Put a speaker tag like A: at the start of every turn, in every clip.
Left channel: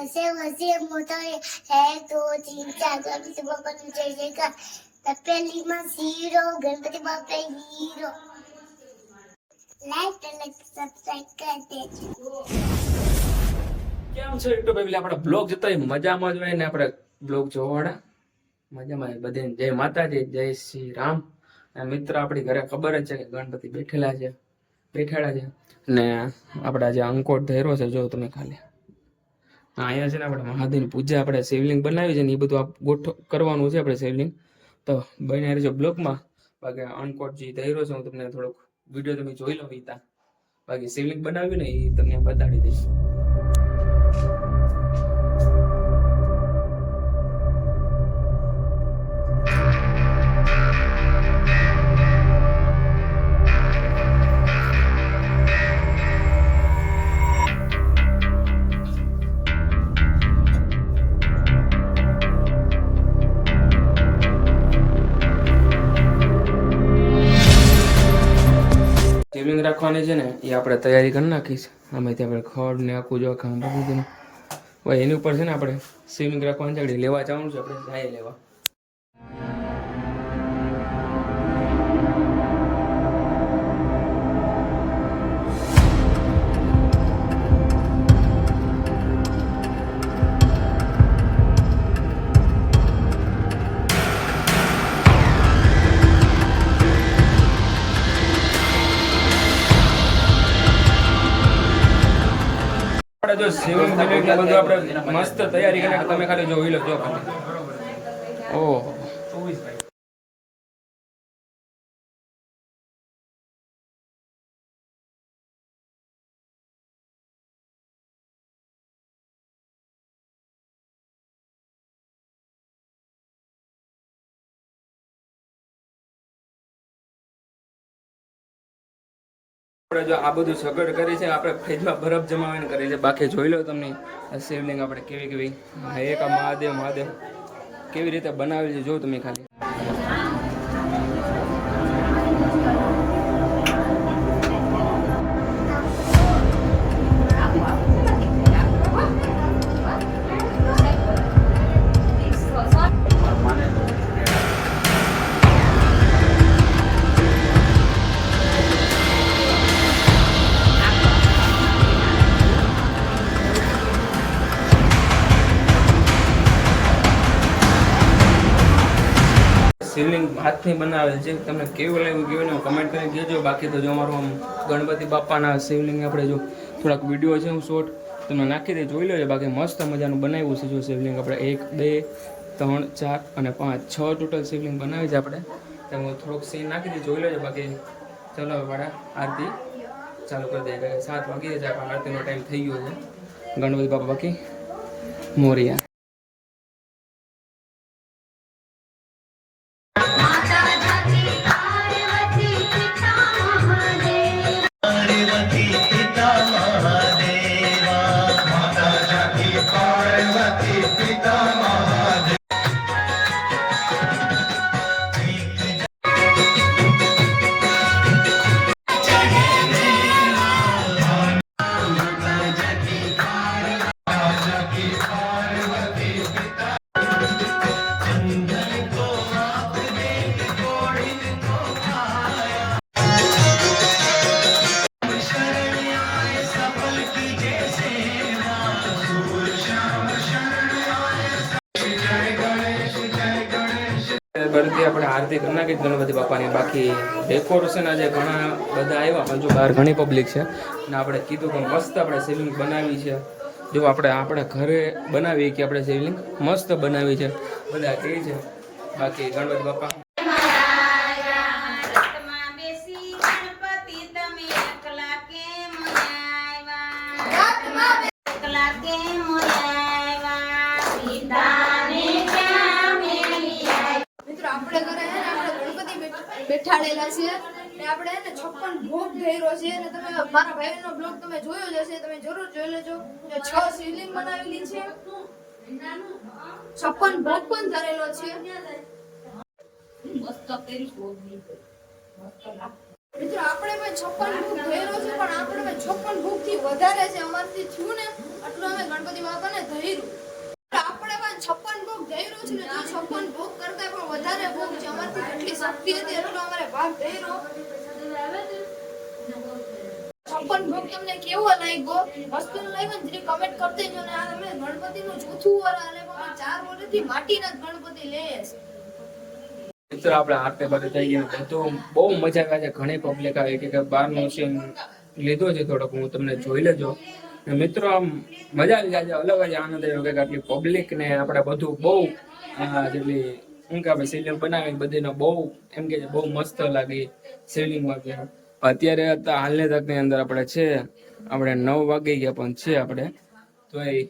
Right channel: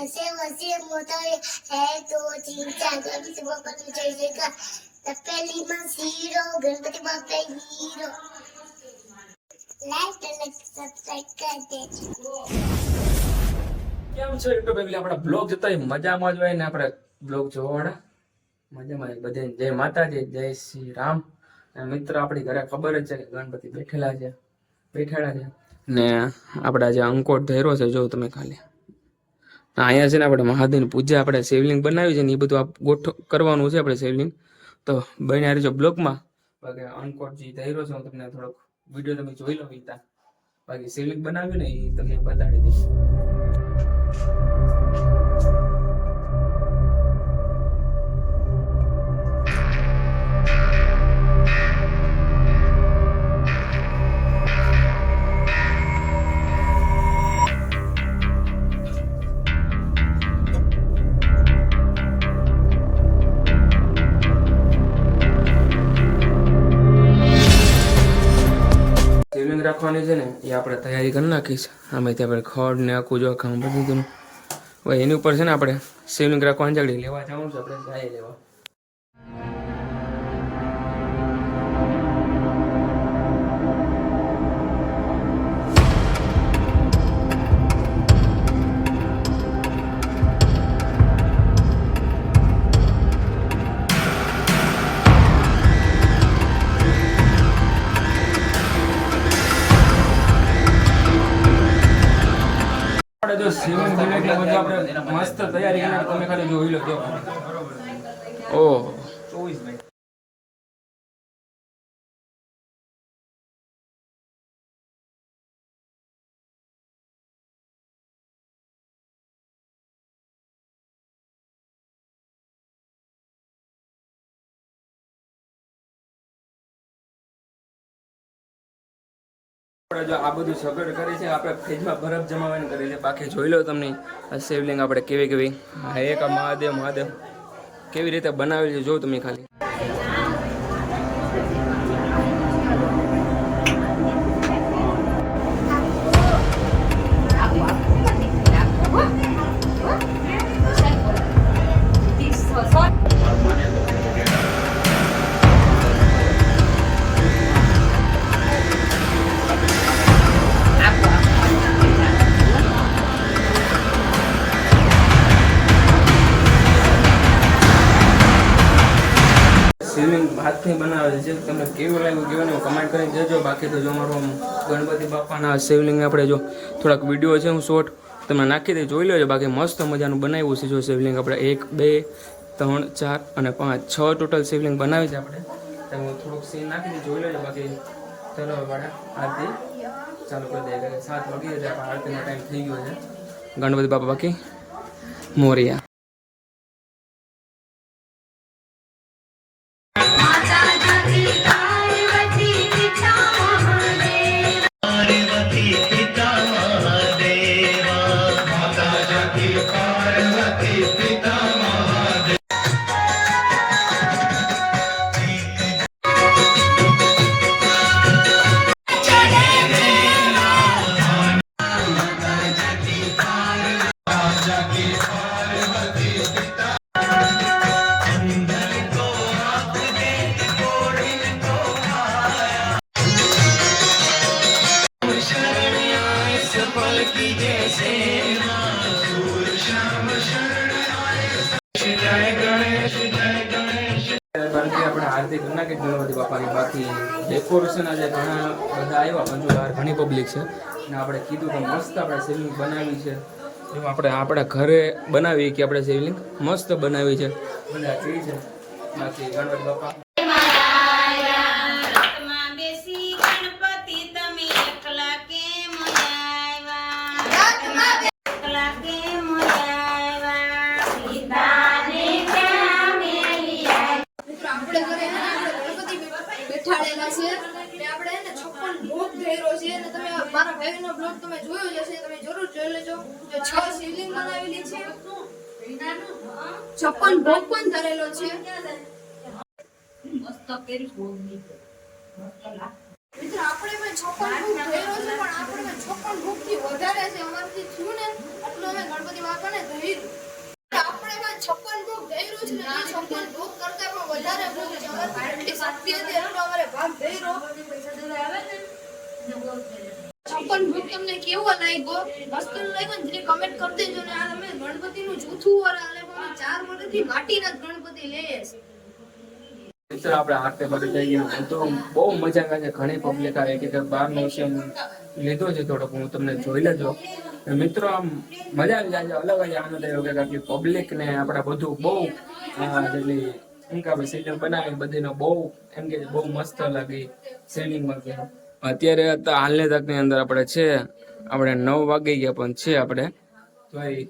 A: ऐसे वैसे मोटर एक दो तीन चार गणपति बापा तू जय जयकार તપેલી માં ઝીરો ગણપતિ બાપા હીરો લાઈક અને સબસ્ક્રાઇબ કરી દેજો
B: કેમ છો યુટ્યુબ ફેમિલી આપણે બ્લોગ જોતા હોય મજામાં જ હોય ને આપણે બ્લોગ જોવાવાળા મજામાં હોય બધાને જય માતાજી જય શ્રી રામ અને મિત્ર આપણી ઘરે ખબર જ છે કે ગણપતિ બેઠેલા છે બેઠેલા છે ને આપણે આજે અંકોટ ધૈરો છે જો તમે ખાલી અહીંયા છે ને આપણે મહાદેવની પૂજા આપણે શિવલિંગ બનાવી છે ને એ બધું આ ગોઠ કરવાનું છે આપણે શિવલિંગ. તો બન્યા રહેજો બ્લોગમાં બાકી અનકોટ જે ધૈરો છે, હું તમને થોડોક વીડિયો તમે જોઈ લો ઈતા બાકી શિવલિંગ બનાવ્યું ને એ તમને બતાડી દઈશ. શિવલિંગ રાખવાની છે ને, એ આપણે તૈયારી કરી નાખીશ. આમાંથી આપણે ખડ ને આખું જો આખા બધું હવે એની ઉપર છે ને આપણે શિવલિંગ રાખવાની છે લેવા જવાનું છે આપણે જાય લેવા. આપણે જો સ્વિમિંગ બિમિંગ ને બધું આપણે મસ્ત તૈયારી કરીને તમે ખાલી જોઈ લો જો ઓહ આપણે જો આ બધું સગવડ કરી છે, આપણે ફ્રીજમાં બરફ જમાવીને કરી છે. બાકી જોઈ લો તમને, આ શિવલિંગ આપણે કેવી કેવી હા, એક મહાદેવ મહાદેવ. કેવી રીતે બનાવેલી છે જો તમે ખાલી. હાથથી બનાવેલ છે? તમને કેવું લાગ્યું? કેવું ને કમેન્ટ કરીને કહેજો. બાકી તો જો અમારું આમ ગણપતિ બાપાના શિવલિંગ આપણે જો થોડાક વીડિયો છે, હું શોર્ટ તમે નાખી દે જોઈ લેજો. બાકી મસ્ત મજાનું બનાવ્યું છે જો શિવલિંગ આપણે. એક, બે, ત્રણ, ચાર અને પાંચ, છ ટોટલ શિવલિંગ બનાવી છે આપણે. તમે થોડુંક સીન નાખી દે જોઈ લેજો. બાકી ચલો હવે ભાડા આરતી ચાલુ કરી દઈએ. સાત વાગી જાય આરતીનો ટાઈમ થઈ ગયો છે. ગણપતિ બાપા બાકી, મોરિયા. આપણે આરતી કરી નાખી ગણપતિ બાપાની બાકી ડેકોરેશન આજે ઘણા બધા આવ્યા જો બહાર ઘણી પબ્લિક છે. અને આપણે કીધું કે મસ્ત આપણે શિવલિંગ બનાવી છે. જો આપણે આપણા ઘરે બનાવી કે આપણે શિવલિંગ મસ્ત બનાવી છે. બધા એ છે. બાકી ગણપતિ બાપા.
C: બેઠાડેલા છે. ને આપણે એને છપ્પન ભોગ ધર્યો છે. અને તમે મારા ભાઈનો બ્લોગ તમે જોયો જ હશે. તમે જરૂર જોઈ લેજો. છ શિવલિંગ બનાવેલી છે. છપ્પન ભોગ પણ ધરેલો છે. મિત્રો આપણે પણ છપ્પન ભોગ ભેરો છે પણ આપણે પણ છપ્પન ભૂખથી વધારે છે અમારથી થયું ને આટલું એટલું અમે ગણપતિ બાપાને ધર્યું આપણે એમાં છપ્પન ભોગ ધર્યું છે ને એ છપ્પન ભોગ કરતા પણ વધારે ભોગ છે અમારી એટલી શક્તિ હતી એટલો અમારે ભાગ ધર્યો છપ્પન ભોગ તમને કેવો લાગ્યો વસ્તુ લાગ્યો ને કમેન્ટ કરી દેજો ને આ તમે વર આલે પણ ચાર મોઢેથી માટીના ગણપતિ લઈએ
B: મિત્રો, આપણે આરતે બાજુ જઈ ગયા. બધું બહુ મજા આવે છે. ઘણી પબ્લિક આવે કે બહારનો સીન લીધો છે થોડોક. હું તમને જોઈ લેજો. મિત્રો, આમ મજા આવી જાય અલગ જ આનંદ આવ્યો કે આટલી પબ્લિક ને આપણે બધું બહુ જેટલી, શું કે આપણે સીલિંગ બનાવી, બધીનો બહુ, એમ કે બહુ મસ્ત લાગી અત્યારે અત્યારે હાલની તકની અંદર આપણે છે. આપણે નવ વાગી ગયા પણ છે આપણે. તો એ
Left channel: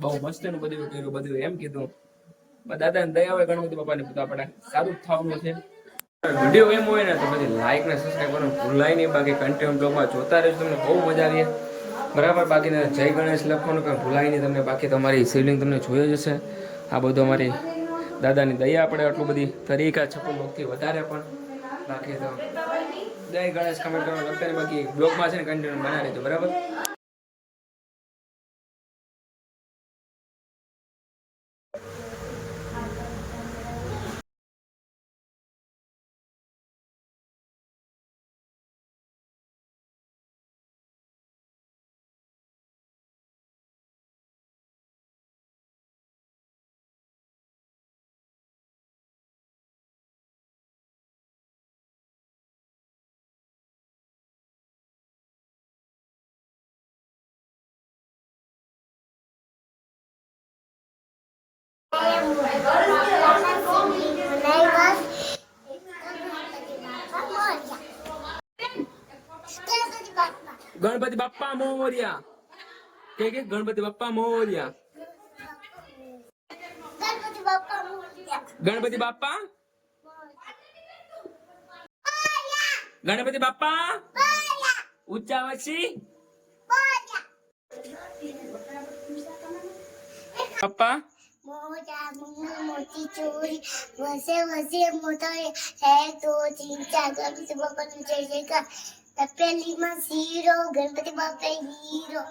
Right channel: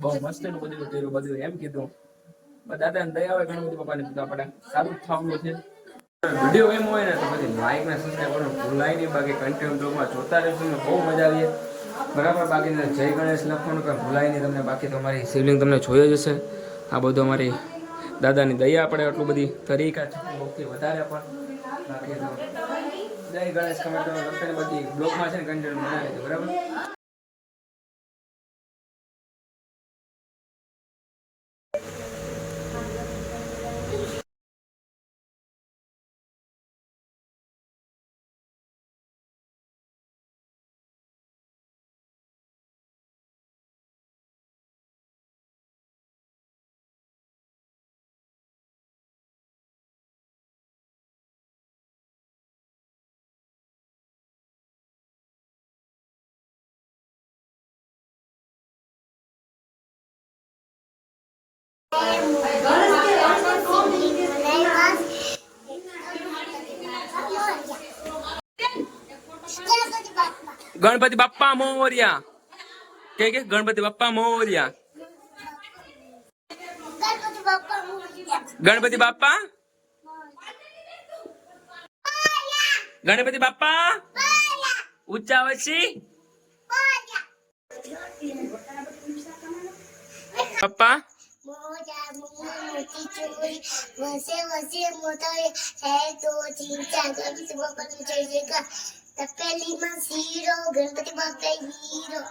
B: બહુ મસ્ત એનું બધું કર્યું, બધું એમ કીધું. દાદા ને દયા હોય ગણપતિ બાપાને, તો આપણે સારું જ થવાનું છે. વીડિયો એમ હોય ને તો પછી લાઈક ને સબસ્ક્રાઈબ કરવાનું ભૂલાય નહીં. બાકી કન્ટિન્યુ બ્લોગમાં જોતા રહેજો, તમને બહુ મજા આવી બરાબર? બાકી જય ગણેશ લખવાનું કંઈ ભૂલાય નહીં તમને. બાકી તમારી શિવલિંગ તમને જોયો જ હશે. આ બધું અમારી દાદાની દયા આપણે આટલું બધી તરીકા છપ્પન ભક્તિ વધારે પણ. બાકી તો જય ગણેશ કમેન્ટ કરવા લખતા બાકી બ્લોગમાં છે ને કન્ટેન્ટ બનાવી લેજો બરાબર? ગણપતિ બાપ્પા મોર્યા કે કે ગણપતિ બાપ્પા મોર્યા
A: ગણપતિ બાપા મોર્યા.
B: ગણપતિ બાપ્પા ગણપતિ બાપ્પા ઊંચા વચ્ચી પપ્પા
A: મોજા મુંગુ મોટી ચોરી વસે વસે મોતોય એક દો तीन ચાર ગણપતિ બાપાનું જય જયકાર તપેલીમાં શીરો ગણપતિ બાપા હીરો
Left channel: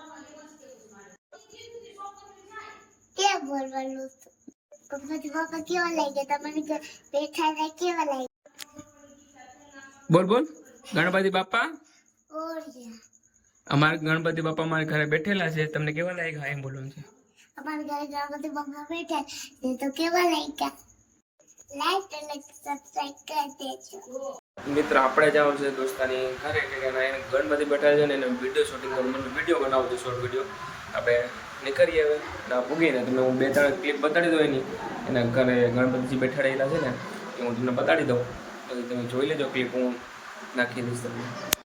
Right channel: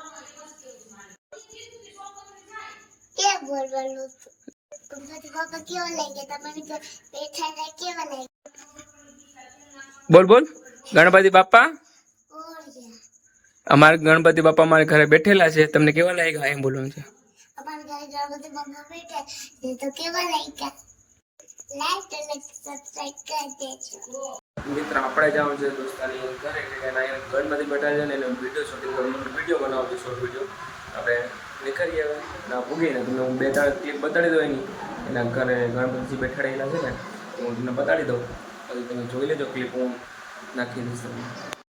A: કે બોલવાનું ગણપતિ બાપા કેવા લાગ્યા તમને ઘર બેઠા હતા કેવા લાગ્યા
B: બોલ બોલ ગણપતિ બાપ્પા
A: ઓરિયા
B: અમારા ગણપતિ બાપ્પા અમારા ઘરે બેઠેલા છે. તમને કેવા લાગ્યા એમ બોલવાનું છે?
A: અમારા ઘરે ગણપતિ બાપા બેઠા એ તો કેવા લાગ્યા? લાઈક અને સબસ્ક્રાઇબ કરી દેજો.
B: મિત્ર, આપણે જવાનું છે દોસ્તાની ઘરે કે એના એને એને ગણપતિ બેઠા છે ને એને વીડિયો શૂટિંગ કરવું વીડિયો બનાવવો છે શોર્ટ વીડિયો આપણે નીકળીએ હવે. ના ભૂગીને તમને હું બે, ત્રણ ક્લિપ બતાડી દઉં એની. એના ઘરે ગણપતિજી રહેલા છે ને એ હું તમને બતાડી દઉં. પછી તમે જોઈ લેજો ક્લિપ હું નાખી દઈશ તમને.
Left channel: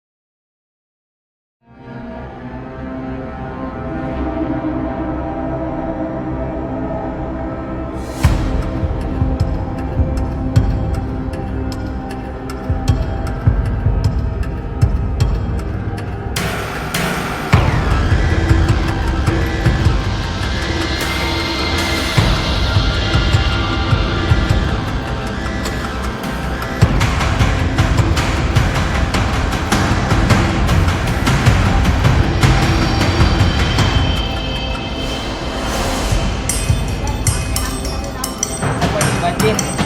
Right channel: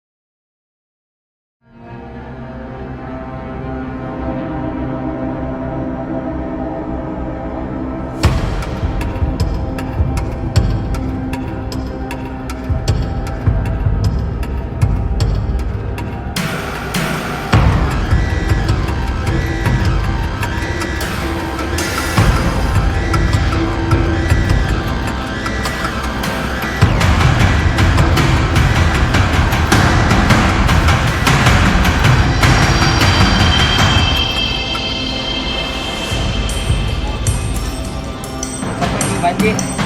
B: Budget.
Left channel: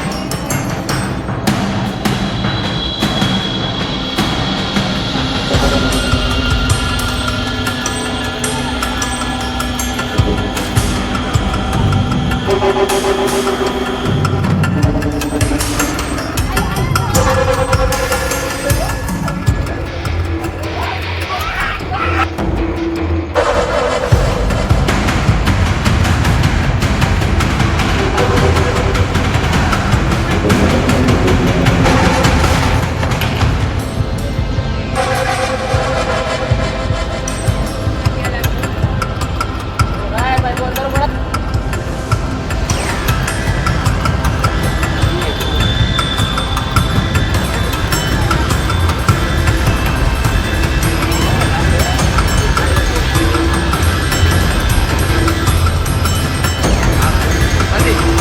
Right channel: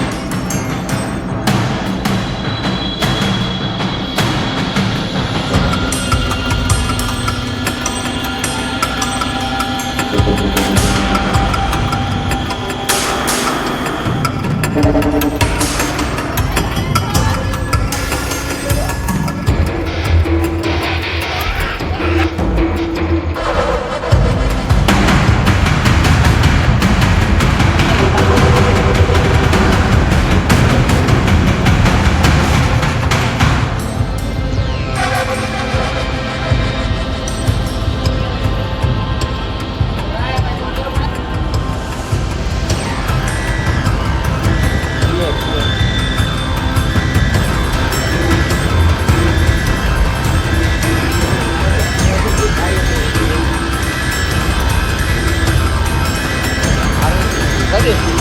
B: Street.